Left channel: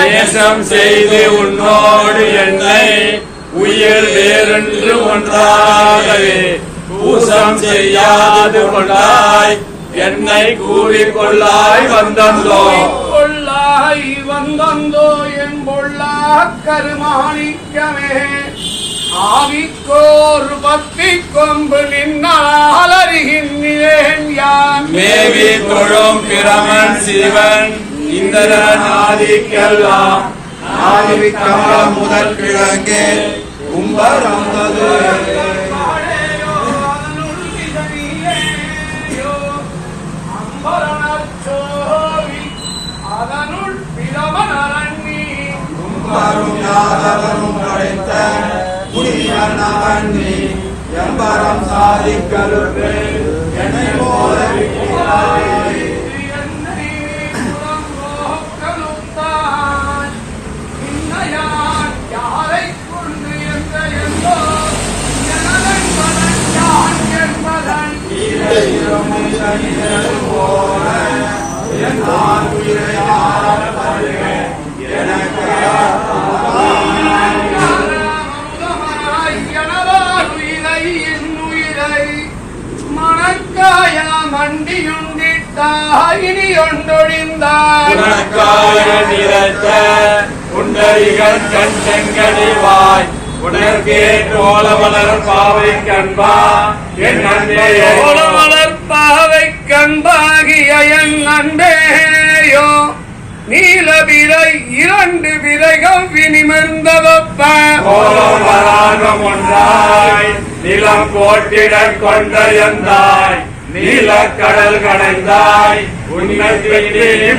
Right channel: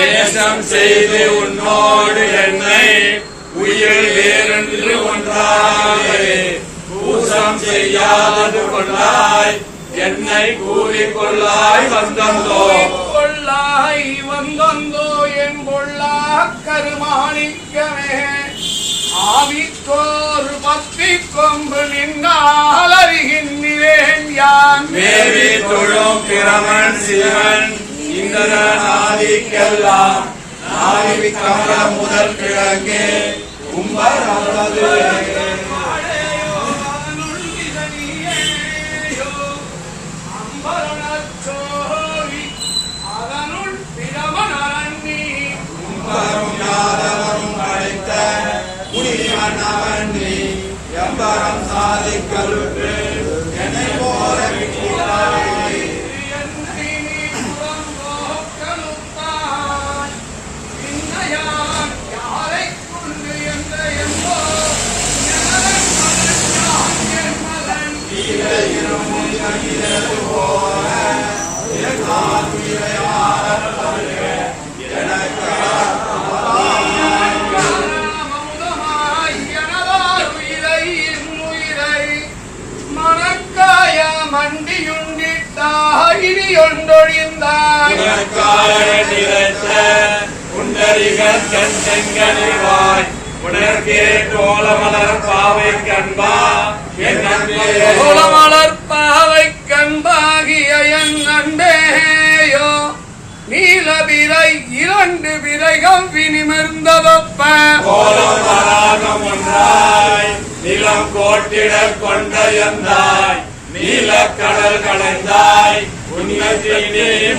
நேசம் செய்து உன்னோடு என்னை உயிர் வேறென்று ஒன்றாகவே பூசம் செய்யாது கொள்ளாய் என்னை கூறிக்கொள்ளாய் வந்தந்தோ என் பொல்லா கருமாணிக்கமே ஆவிக்கோர் பத்தி கொம்பு நின்னால் அறிகின்றேன் யான் மேவி கொழும் பிரமன் சிவன் இந்திரன் ஆதிக்கெல்லாம் ஆதிக்கமல முதல் கிழங்கே கும்பரமது அதனுள் பிரமணி யாதவரும் அழைத்த முனிவனி எம்பரம் சாதிக்கல்வே என்னை போல யாரை கொண்டு மண்டியுண்டித்தாயினி ஒன்றொழிந்தாய் புண்டரிகள் கண் செங்கனிவாய் உணர்கே கோலமலர் பாவை கண்பா என் கோலமலர் பாவை கண்பாகிய என் அன்பேயோ நீலபிரை இரண்டு விரைகள் வினிமிர்ந்த கோலமராகம் ஒன்றாய் நிலம் போட்டிடக் கொண்ட எந்தாய் நீலக்கடல் கடைந்தாய்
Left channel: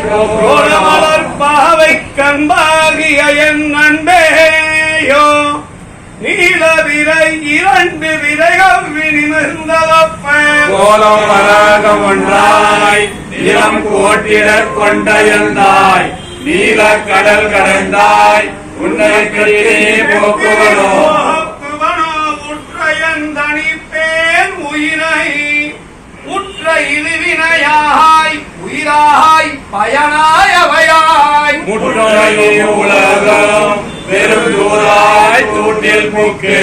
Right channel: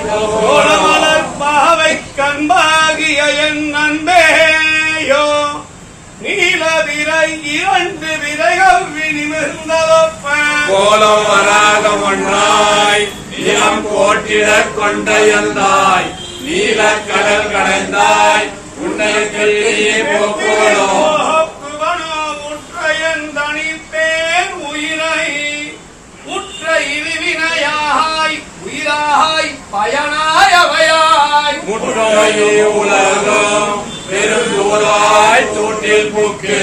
கோலமலர் பாவை கண்பாகிய என் அன்பேயோ நீலவிரை இரண்டு விரைகள் வினிமிர்ந்த கோலமராகம் ஒன்றாய் நிலம் போட்டிடக் கொண்ட எந்தாய் நீலக்கடல் கடைந்தாய் உன்னை போக்குவதோ தனிப்பேன் உயிரை உற்ற இழிவினையாய் உயிராய் பயனாய் அவையாய் முற்றொழியே உலகம் பெரும் தூராய் தூட்டில் பூக்கு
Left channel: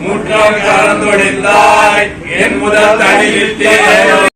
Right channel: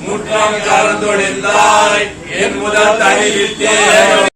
முற்றம் கறந்தொழிந்தாய் என் முதல் தனியில்